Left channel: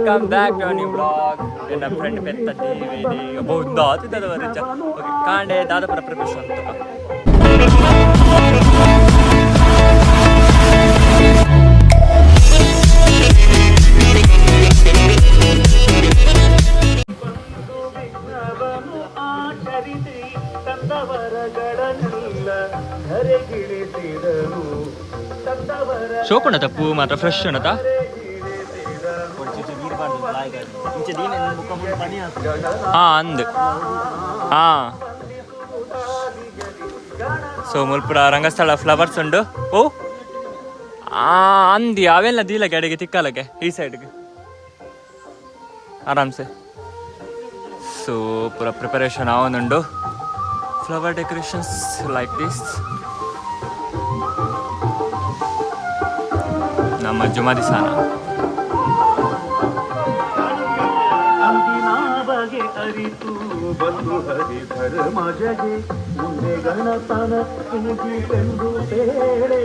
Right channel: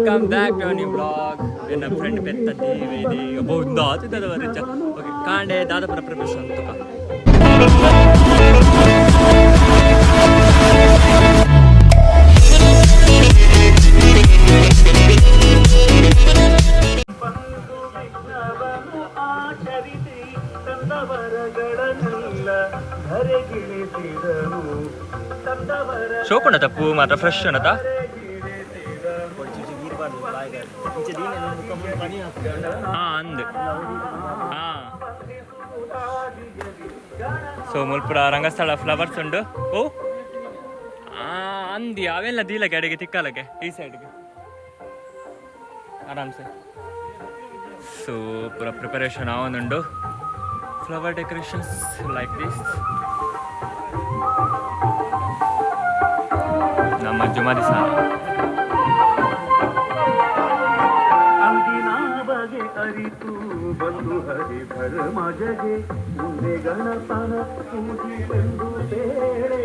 Come back to a new vlog. ನನ್ನ friend ಪೆತ್ತದ್ದಿ ಇದೆ ಒಬ್ಬ ಒಂದು ಆತಿದ್ದದ ರಿಚ ಓಕೆ ಕಾಂಡೆ ದಾದಪುರ ಪ್ರಿಪರೇಷನ್ ತುಕ ಶೋಕುಣ ತಪ್ಪು ಮಾತ್ರ ಫ್ರೆಶ್ ಅನ್ನತ ಅಂದ್ ಸೊ ಮುಲ್ಪುರ ರಂಗಸ್ಥಳ ಫ್ಲವರ್ಸ್ ಉಂಡು ಓ ಅಂದಿ ಅವೆಲ್ಲ ದೀಲಕ್ಕೆ ಅಡಿಗೆ ತಿಕ್ಕಲಕ್ಕೆ ಈ ಸೈಡ್ಗೆ ಆರಾಮ್ಸೆ ಸೊ ಪೂರ ಪ್ರಿಪರೇಷನ್ ಆವೊಂದುಂಡು ಫ್ಲವರ್ ಡೆಕೋರೇಷನ್ಸ್ ಲೈಕ್ ದಿಸ್ ನಮ್ಮ ಜುಮಾ ದಿಸಾನ ಅರಿತು ಬಂದು ಹರಿಧರ ಮಜಗೆ ಮುಂದೆ ಗಣಪನ ಇಂಗಿತೆಂದು ಬೇರೆ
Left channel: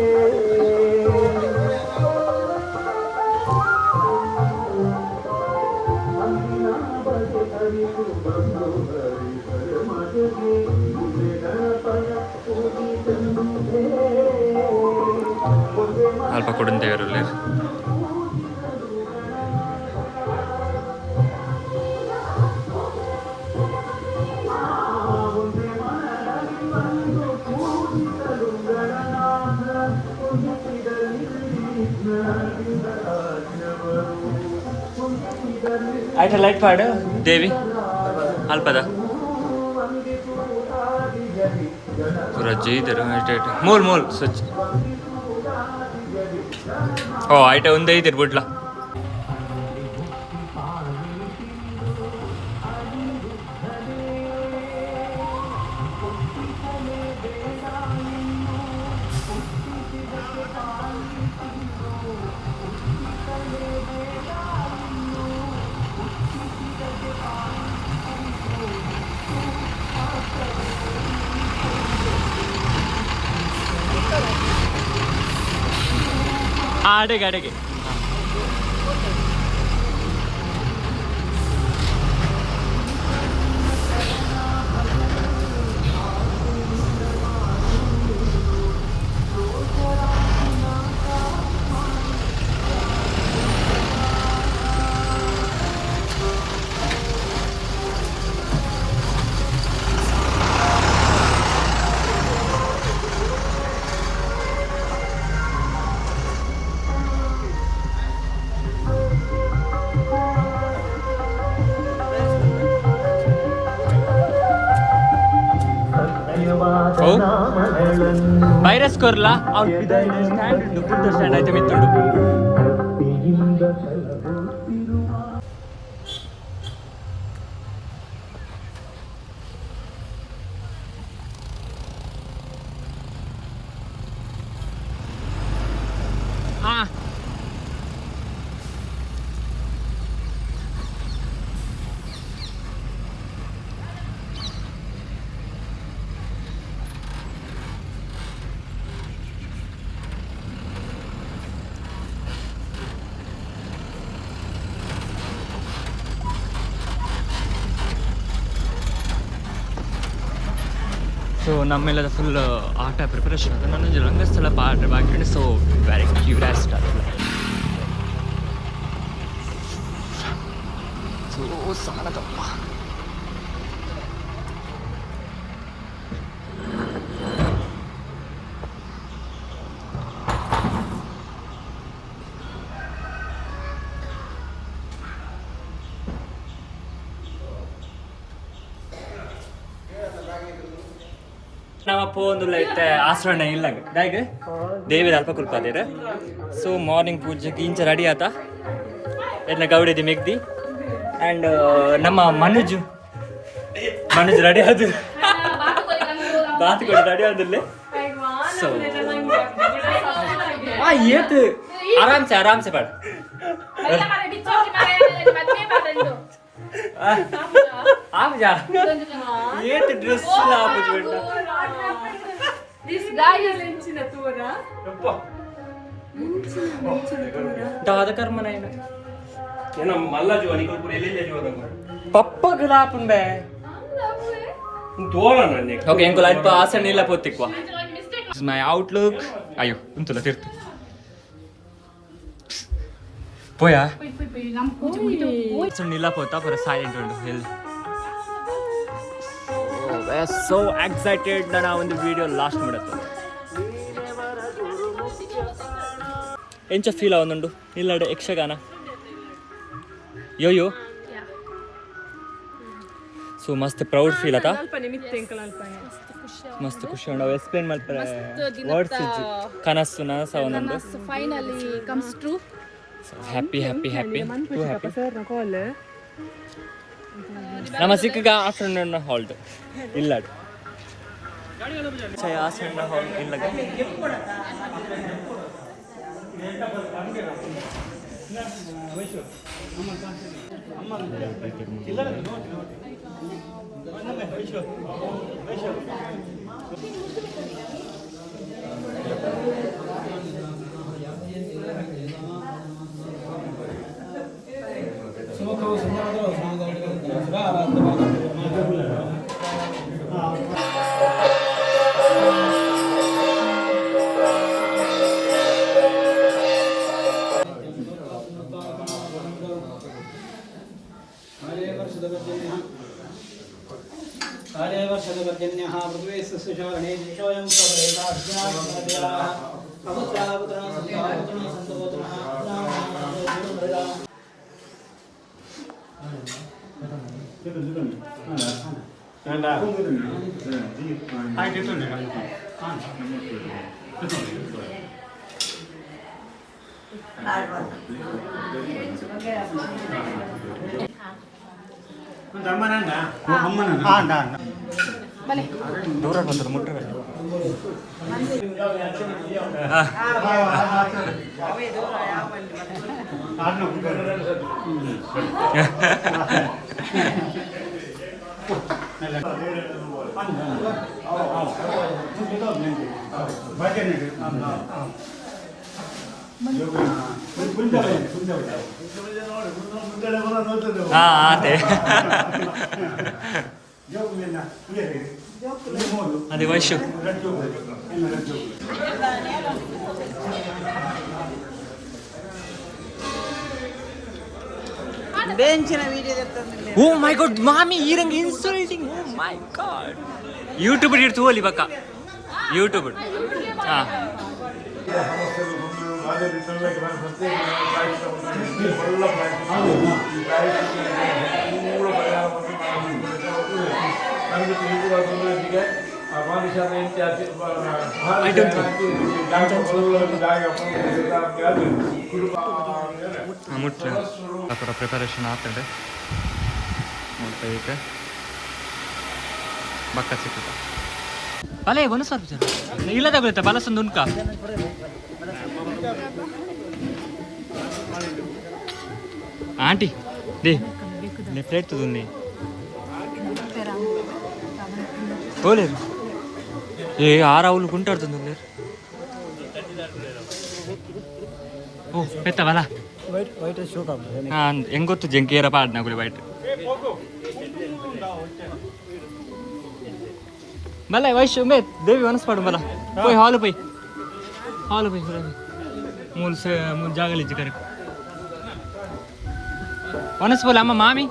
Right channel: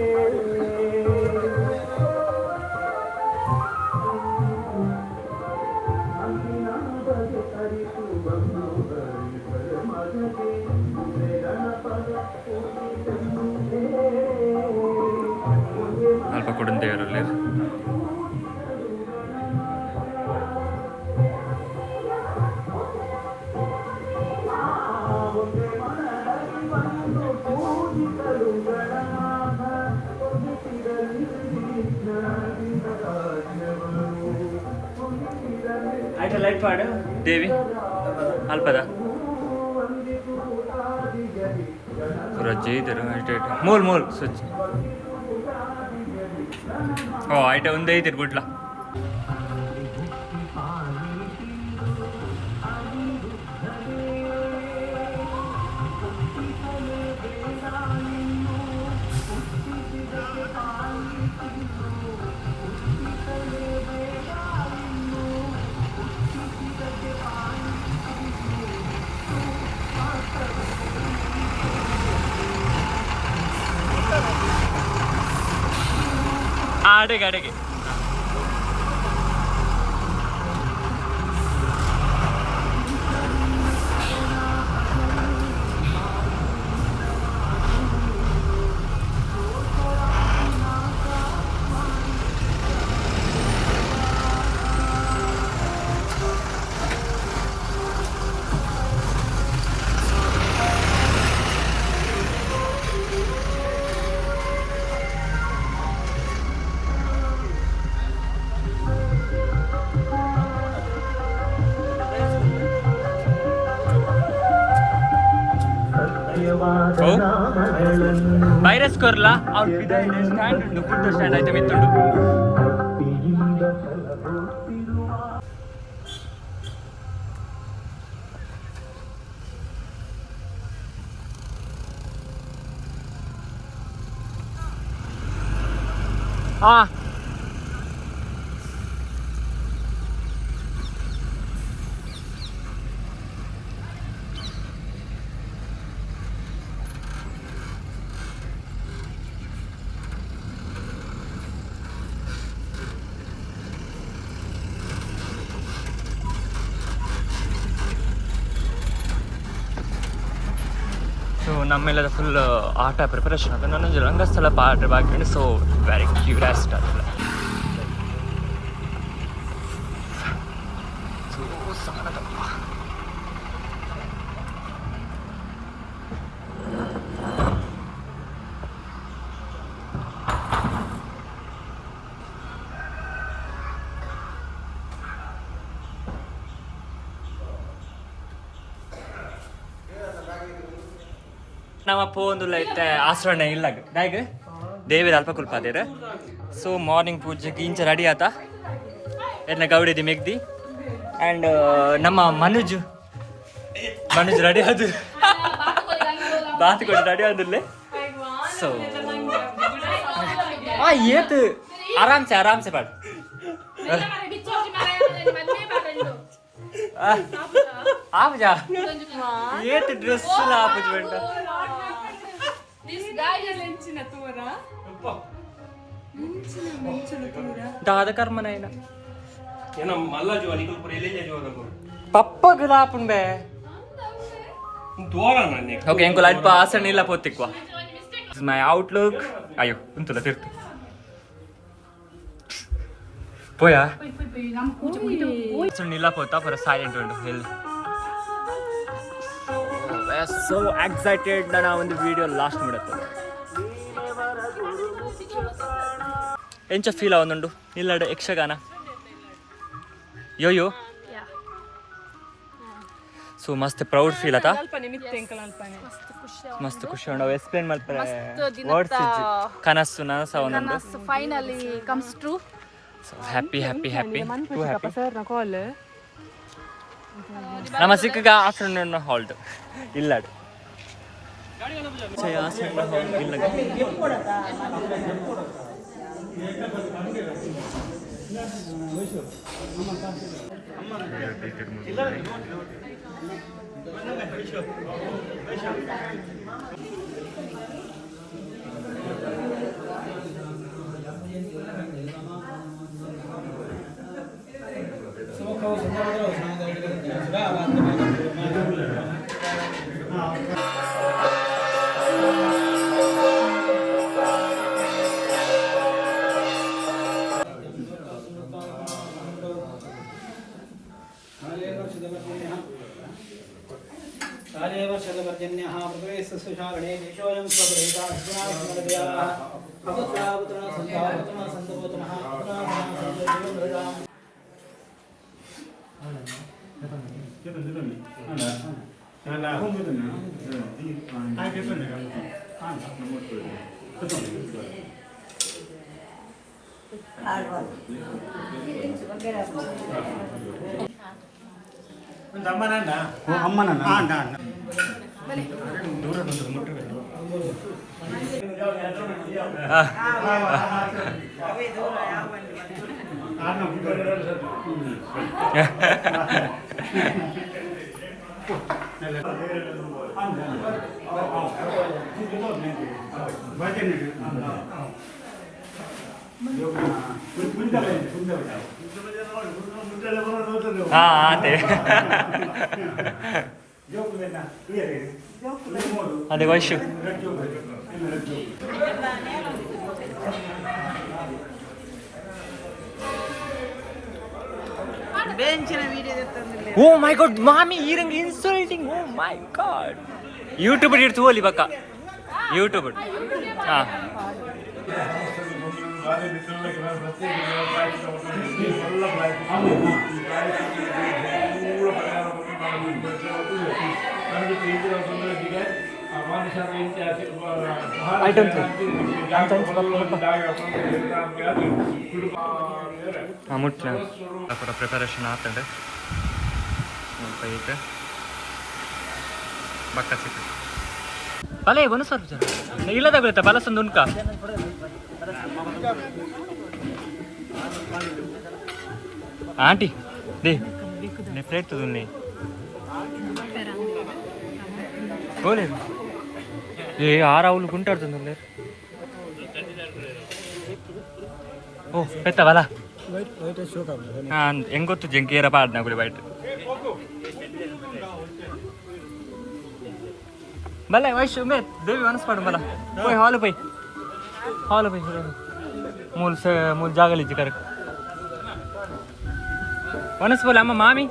ಅಂದಿನ ಬಗೆ ಅರಿತು ಬಂದು ಹರಿಧರ ಮಜಗೆ ಮುಂದೆ ಗಣಪನ ಇಂಗಿತೆಂದು ಬೇರೆ ಅಲ್ಪ ಕೊಡುಂತೇವರಲ್ಲಿ ಆಯ್ತಾ ಲೈಟ್ ಪಾಡು ದೇವಿ ಅಲ್ಪದ ಪೂರ ಜೈದರು ಐಟ ಮೂಲ್ ಸ್ವಚ್ಛ ಓ ಐಟ ಒಂದೇ ಐತಿರ್ ಬಿಡ್ಲ ಅಡೆಗೆ ವೈರಸ್ ಕೊರ್ಲ ಸ್ಟ್ಯಾಂಡ್ ಉಂಟು ಫುಡ್ ಸ್ಟ್ಯಾಂಡ್ ಆಯ್ತು ಮಿತ್ತುಂಡು ಸೊ ನಮ್ಮೆಲ್ಲದ ಫುಲ್ ಆಟ ಪ್ರಿಪರೇಷನ್ ಅಂತ ನನ್ನೊಂದು ರಂಗಸ್ಥಳ ಪಾಠ ಬಾಕಿ ಸೊ ವೆರಿ ಕ್ಯೂರಿಯಾಸಿಟಿ ಆಗಿಲ್ಲ ಸೊ ಸಾಲದಪ್ಪ ನಮ್ಮಪ್ಪ ಒಂದು ಇತ್ತೆ ಆಸರಣ ಇಲ್ಲ ದಾಯ್ಗ ದೇವಿದ ಅಲ್ಪ ಕುಲ್ಪಾದೇರ ಸೊ ಮಾರ್ನಿಂಗ್ ಪೂಜೆಗೆ ಇಂಚ ರೆಡಿ ಆತ ಎಲ್ಲ ಗೌಡಿದಿ ಮೆಗ್ದಿ ಆ್ಯಂಡ್ ನಮ್ಮ ಮನುಜ್ ರೆಡಿ ಆದ ಬಾತ್ ಕೊಡಿ ರೆಡಿ ಆದಿಲ್ಲ ಸೊ ಏತ್ ಆರಾಮ್ಸೆ ಬಾಡ आप जा ये तो ड्रेस ला कुछ बेटा दिस गाय लेंचिना तोरा दादा कर्म नाही ना पप्पा गलापुन बे ओके इनको लाइट पर आसर नीला पोतिक्वा This is my outlook. Ayo, untulah tirtu. Poya. So nila pota for a silent round hill. Oh, we're so excited na now in the video last minute. Encha feel avundu. Illade Yakshagana. Yo. Yeah. So must proud feel ata. ಮಸ್ತ್ ಖುಷಿ ಮಸ್ತ್ ಖುಷಿ ಉಂಡು explain ಮಾಡ್ತಾರೆ ಮಸ್ತ್ words ದಿನದ ಕನಸು ನನಸ ಒಂದೊಂದು ಕನಸು finally comes true so happy to happy ನಮ್ಮ ಸಿಕ್ಕಗ ಆಫ್ಟರ್ನೂನ್ ಹಾಲ್ಟ್ ಇಲ್ಲ ಆಫ್ಟರ್ನೂನ್ ಹಾಲ್ ಇಲ್ಲ ದೂರ ಬಂದ್ರೆ ಮುಟ್ಟ ಅದೇ ಅದೇ ವೈಶು ಓ ಮೈ ಗಾಡ್ ಮಾಮಿ ಈರಂಗ್ insulting oh my god YouTube ಇಡ್ತು ಹೋಲಿ ಬಕ್ಕ ಯೂಟ್ಯೂಬ್ ಹಾ I don't think. ಮುಟ್ಟ ಅಪರ ಪ್ರಿಪರೇಷನ್ ಆಗ್ತದೆ ನೋಡ್ತಾ ಈಗ ಬಕ್ಕ ಸಿಗ್ತದೆ ಬಲೆ ಒಂದು ಸ್ವಲ್ಪ ಜನ ಇಲ್ಲದ ಗೊತ್ತಾ ಬಲಸಂದು ಉನ್ಕ ಆಂಟಿ ದೇ ಪ್ಲೇಟ್ ತುದುನ್ನಿ ఓలేరు ఏ ఆరావులు గుంటాడుతుంది లేరు ఓ పెత్తవలా ಹೆಂಗೊತ್ತು ಜಂಕೇರ ಪಾಡ್ನ ಗುಳಿ ಬೈಟ್ ಬಲ್ಲ ವೈಶ್ ಮೇ ದೇವಿ ಅನಸ್ಪಾಡು ಬಲ್ಲ ಹೋಯ್ ಹಾಲು ಪೈ ಮೂಲ ಜಾಗಲಿಜ್ಜಿ ಕರೆಕ್ಟ್ ವನಸ್ ಬೋಲ ಅಮ್ಮ ಮಾಮಿ